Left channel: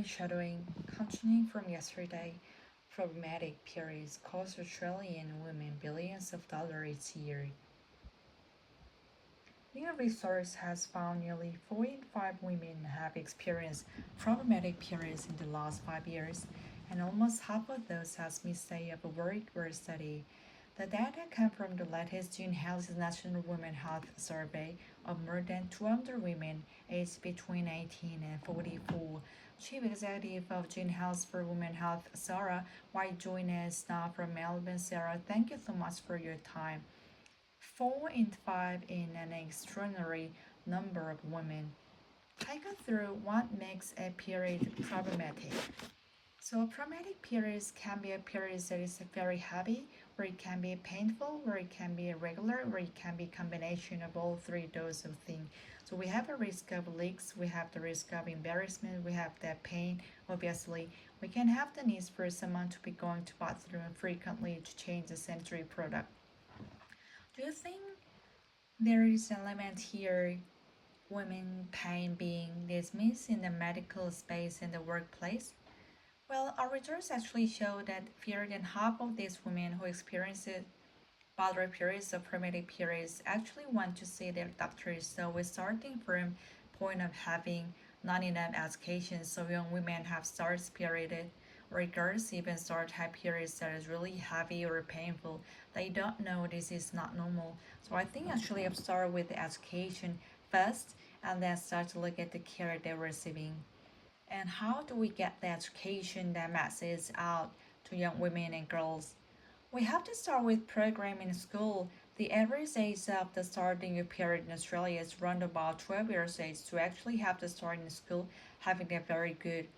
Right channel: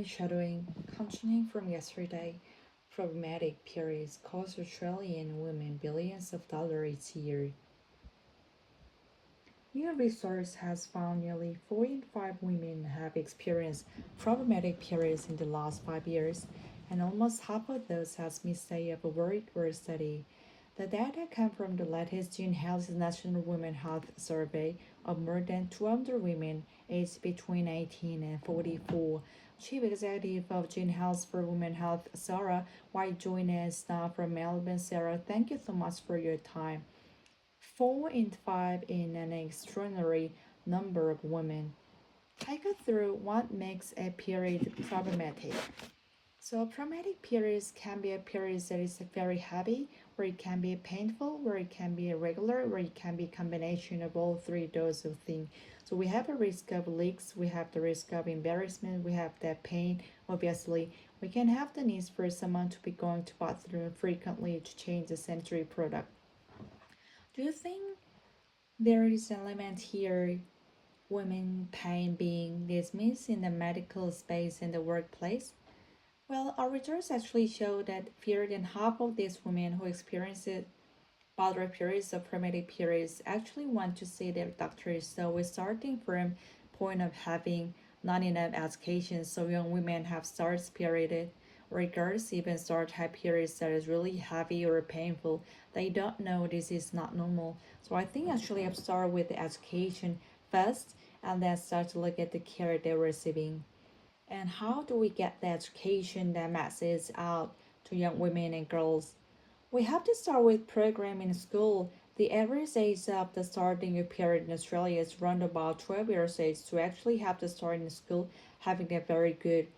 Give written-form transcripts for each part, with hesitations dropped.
Shadowing, continuing from yesterday, problematic periods cost Australian women billions of dollars each year. New research has found nearly 4 in 5 women have experienced problematic periods in the last 5 years, and almost half of those has missed a of a work or study. The data come from the latest June Health National Women Health Survey of more than 200 women aged between 18 and 44. Chief Executive of June Health for Women Health, Sarah, White joining us now from Melbourne. Sarah, thank you so much for your time. 4 in 5 in an extraordinary number of women. Take us through what makes a period problematic. So problematic periods can be a period that is very heavy, or it can be painful, or it can be irregular, or it can be a combination of all three those of things. So we have a risk of leaks, we have the risk of embarrassment, we have that pain, obviously. We can have the needs for someone to be going to bathroom frequently to change the sanitary product. Do you think there is an element here women pain being dismissed in the medical space in the workplace? Well, our results actually show that fewer than half of these women who experience bother periods or primitive periods actually want to see their doctors. So we're starting from point of having not enough education. So young women have starts period or girls even start have periods that is really heavy or painful. They don't know this is not normal. So I think actually I'll start with the education first and then start to look at the care they're receiving. And how do we get the education that masses out to young women and girls? We have to start with programming in school. The average age of the starting period in Australia is around about 12 years age to actually have to start in school having a very good,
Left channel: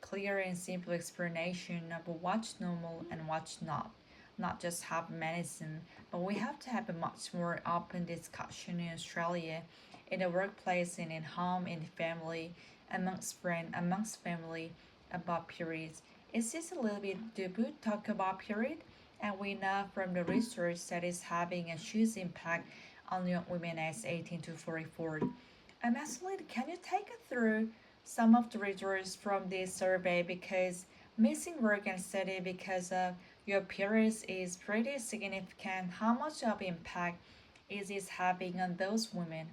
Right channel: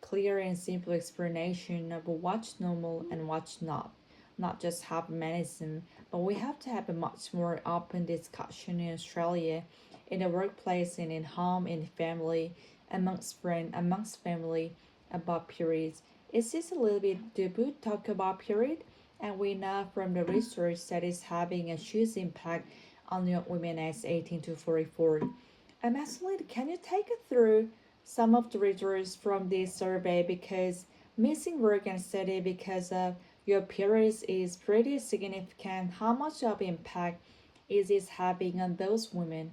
clear and simple explanation of what's normal and what's not. Not just have medicine, but we have to have a much more open discussion in Australia, in the workplace and in home, in family, amongst friends, amongst family about periods. Is this a little bit taboo talk about period? And we know from the research that is having a huge impact on young women aged 18 to 44. Actually, can you take us through some of the results from this survey because missing work and study because of your periods is pretty significant. How much of impact is this having on those women?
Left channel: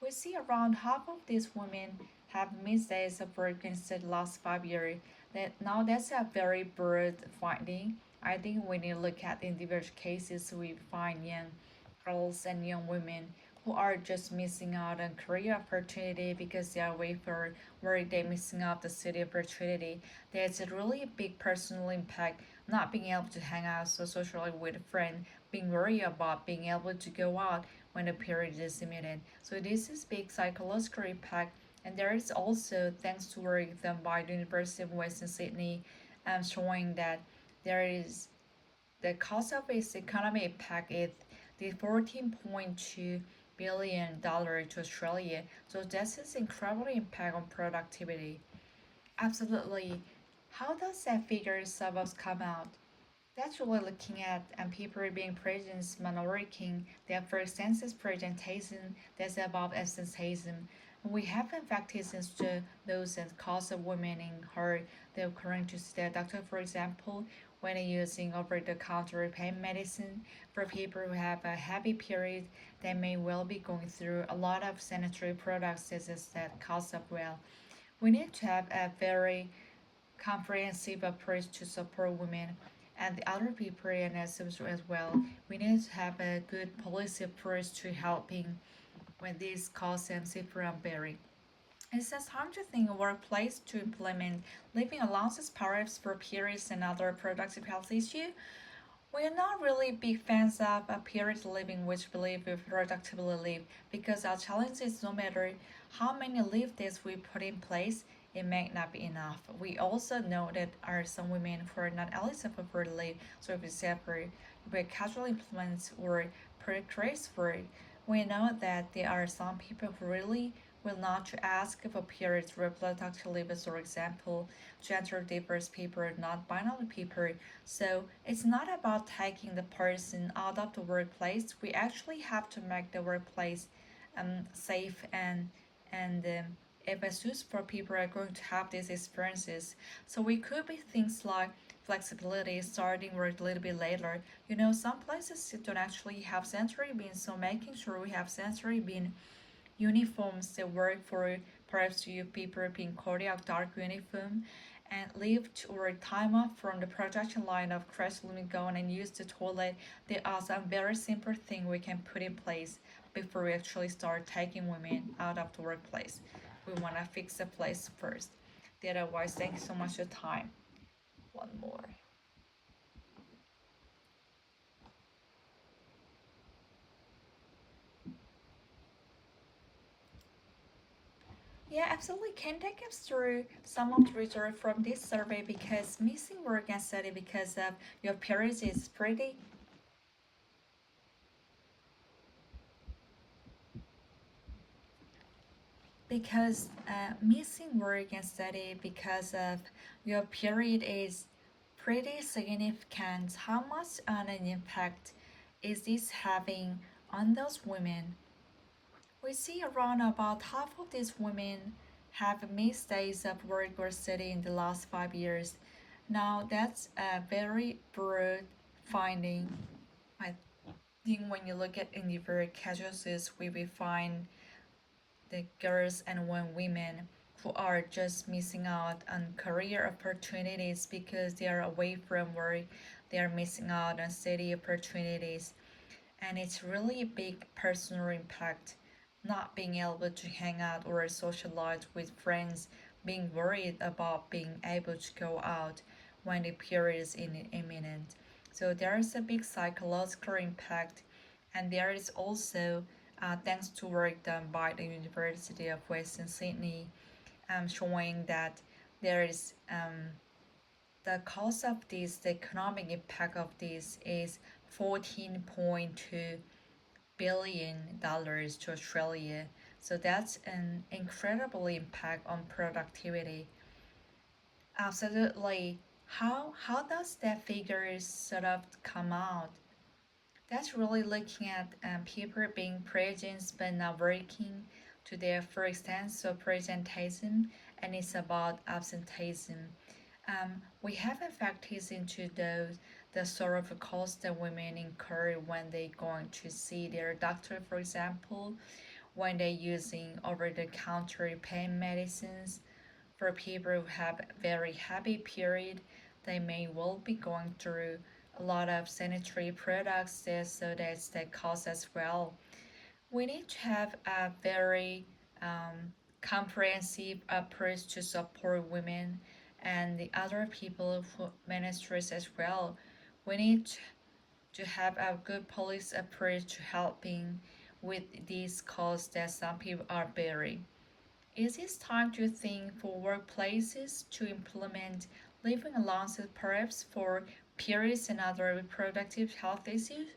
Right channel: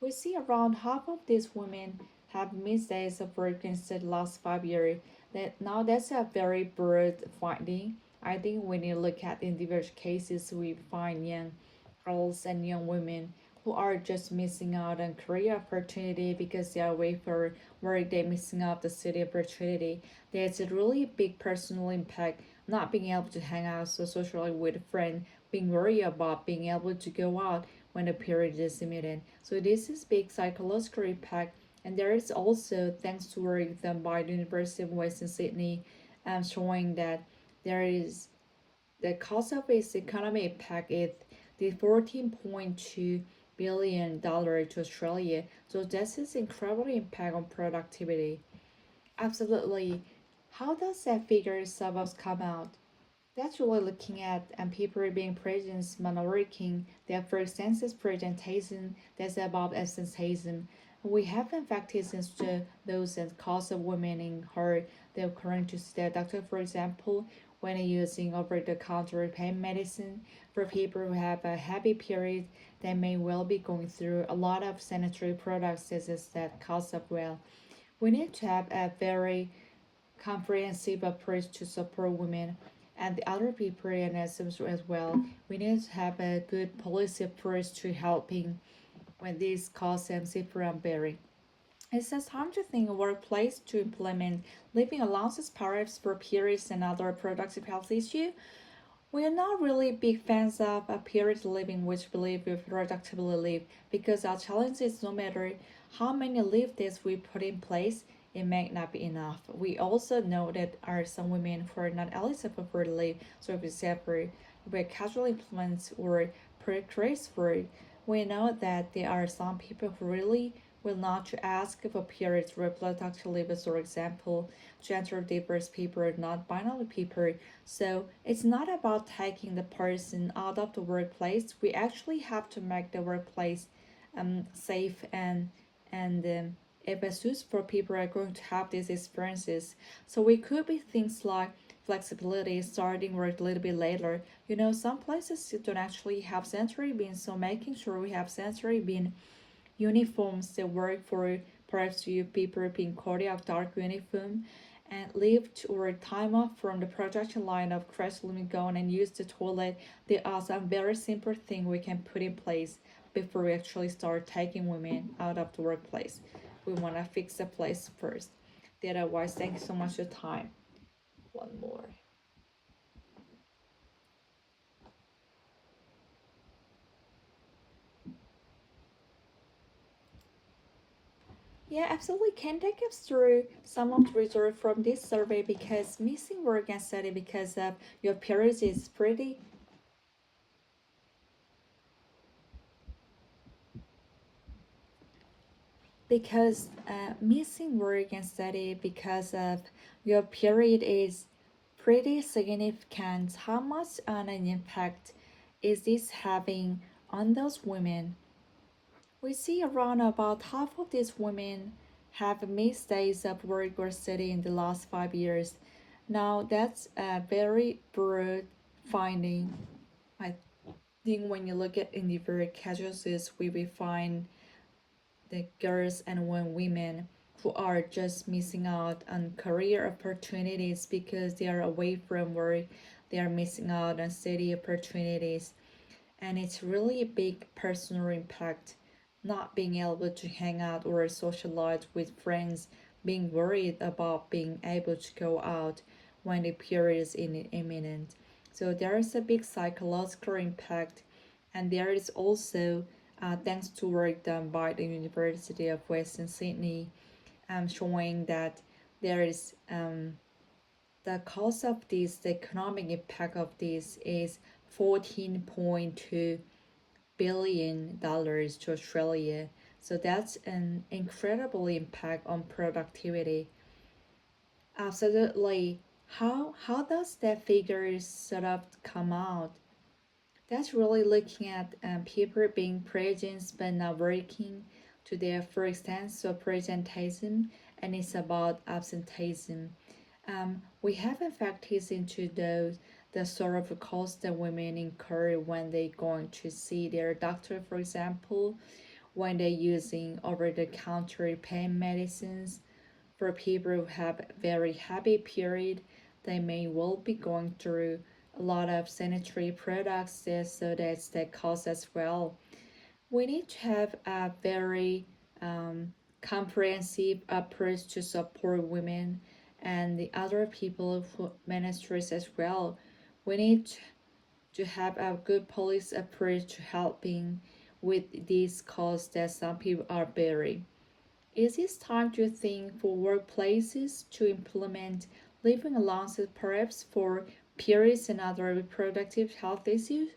We see around half of these women have missed days of work in the last 5 years. That's a very broad finding. I think we need to look at individual cases. We find young girls and young women who are just missing out on career opportunity because they are away for work. They're missing out the city opportunity. There's a really big personal impact. Not being able to hang out so socially with a friend, being worried about being able to go out when the period is limited. So this is big psychological impact. And there is also, thanks to work done by the University of Western Sydney, showing that there is the cost of its economic impact is the 14.2 billion dollar to Australia. So this is incredible impact on productivity. Absolutely. How does that figure of come out? That's really looking at and people being present minority their first census presentation that's about absenteeism. We have in fact since those that cause of women in her they're according to the doctor for example when using over the counter pain medicine for people who have a heavy period they may well be going through a lot of sanitary products that cause of well. We need to have a very comprehensive approach to support women and the other people and as well. We need to have a good policy approach to helping when these cause them different bearing. It's just time to think a workplace to implement living allowances perhaps for periods and other productive health issues. We are not really big fans of a period living which believe we productively live because our challenge is no matter how many leave days we put in place, it may not be enough. We also know that are some women who are not eligible for leave, so if it's separate, by casual implements or precarious work, we know that there are some people who really will not to ask for periods reproductive leave, for example, gender diverse people, not binary people. So it's not about taking the person out of the workplace. We actually have to make the workplace safe and if a for people are going to have these experiences. So we could be things like flexibility, starting work a little bit later. Some places don't actually have sensory bins, so making sure we have sensory bin uniforms that work for perhaps you people being cardiac dark uniform and lift or time off from the production line of crash limit go on and use the toilet. There are some very simple things we can put in place before we actually start taking women out of the workplace. We want to fix the place first. Otherwise, thank you so much for your time. One more. Yeah, absolutely. Can take us through some of the results from this survey because missing work and study because of your periods is pretty because missing work and study because of your period is pretty significant. How much on an impact is this having on those women? We see around about half of these women have missed days of work or study in the last 5 years. Now that's a very broad finding. I think when you look at individual casualties, we will find the girls and women who are just missing out on career opportunities because they are away from work, they are missing out on study opportunities, and it's really a big personal impact. Not being able to hang out or socialize with friends, being worried about being able to go out when the period is imminent. So there is a big psychological impact, and there is also thanks to work done by the University of Western Sydney, showing that there is the cost of this, the economic impact of this is $14.2 billion to Australia. So that's an incredible impact on productivity. Absolutely. How does that figure sort of come out? That's really looking at people being present but not working to their full extent. So presentism, and it's about absenteeism. We haven't factored into those the sort of cost that women incur when they going to see their doctor, for example, when they're using over-the-counter pain medicines. For people who have very heavy period, they may well be going through a lot of sanitary products there, so that's the cost as well. We need to have a very comprehensive approach to support women and the other people who ministers as well. We need to have a good policy approach to helping with these costs that some people are bearing. Is it time to think for workplaces to implement living allowances perhaps for periods and other reproductive health issues?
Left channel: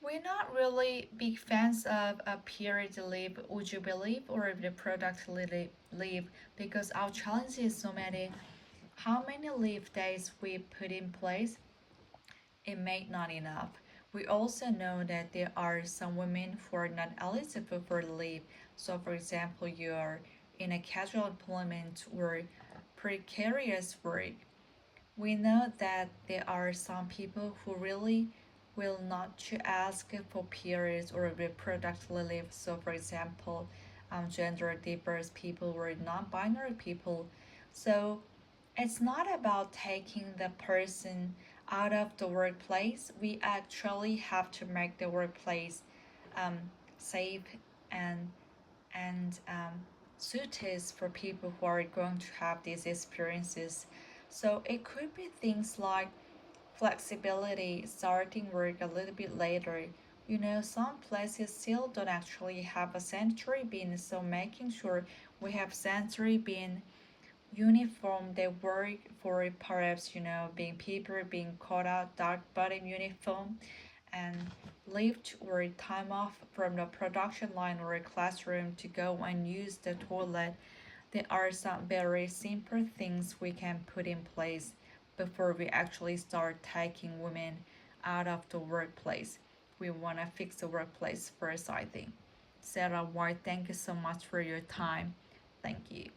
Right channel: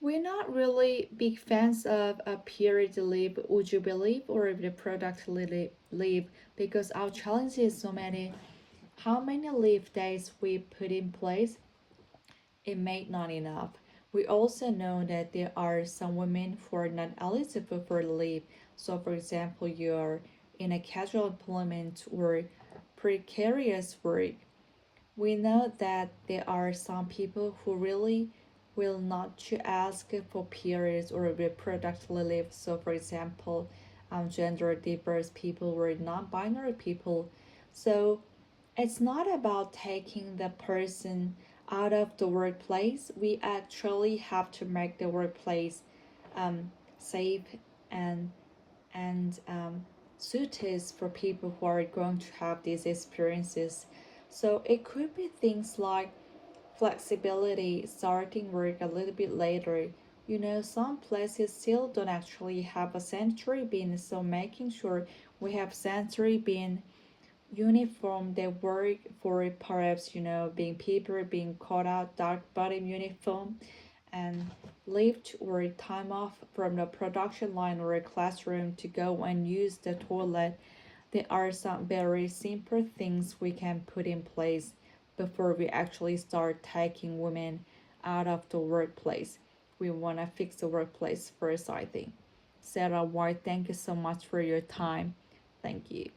We're not really big fans of a period leave, would you believe, or reproductive leave because our challenge is so many. How many leave days we put in place, it may not enough. We also know that there are some women who are not eligible for leave. So, for example, you're in a casual employment or precarious work. We know that there are some people who really will not to ask for periods or reproductive leave. So, for example, gender diverse people or non-binary people. So, it's not about taking the person out of the workplace. We actually have to make the workplace safe and suited for people who are going to have these experiences. So it could be things like flexibility, starting work a little bit later. Some places still don't actually have a sanitary bin, so making sure we have sanitary bin uniform they work for perhaps being people being caught out dark bottom uniform and leave or time off from the production line or a classroom to go and use the toilet. There are some very simple things we can put in place before we actually start taking women out of the workplace. We want to fix the workplace first, I think. Sarah White, thank you so much for your time. Thank you.